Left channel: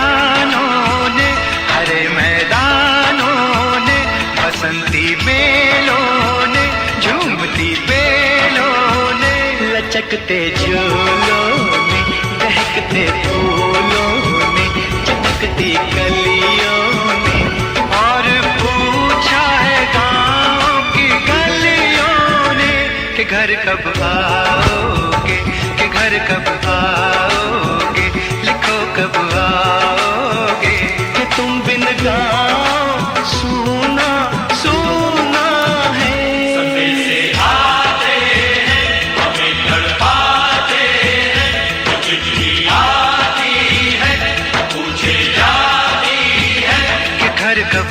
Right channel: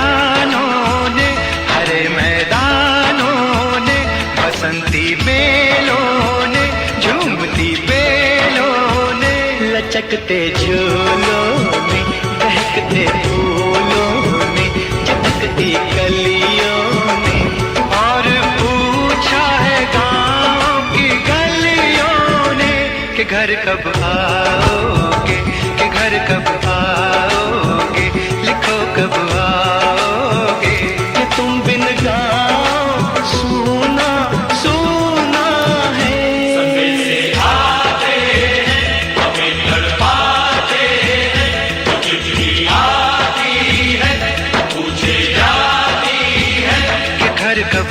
वीरानों ने, हरे मैदानों ने, बसंती बेलों ने, झूमती बेलों ने, लचकते झूलों ने, बहकते फूलों ने, चमकती कलियों ने, और पूछा है गाँव की गलियों ने कि घर कब आओगे, कि घर कब आओगे, लिखो कब आओगे, कि तुम बिन गाँव सूना सूना है। संदेशे आते हैं, हमें तड़पाते हैं, चिट्ठी आती है, पूछे जाती है कि घर कब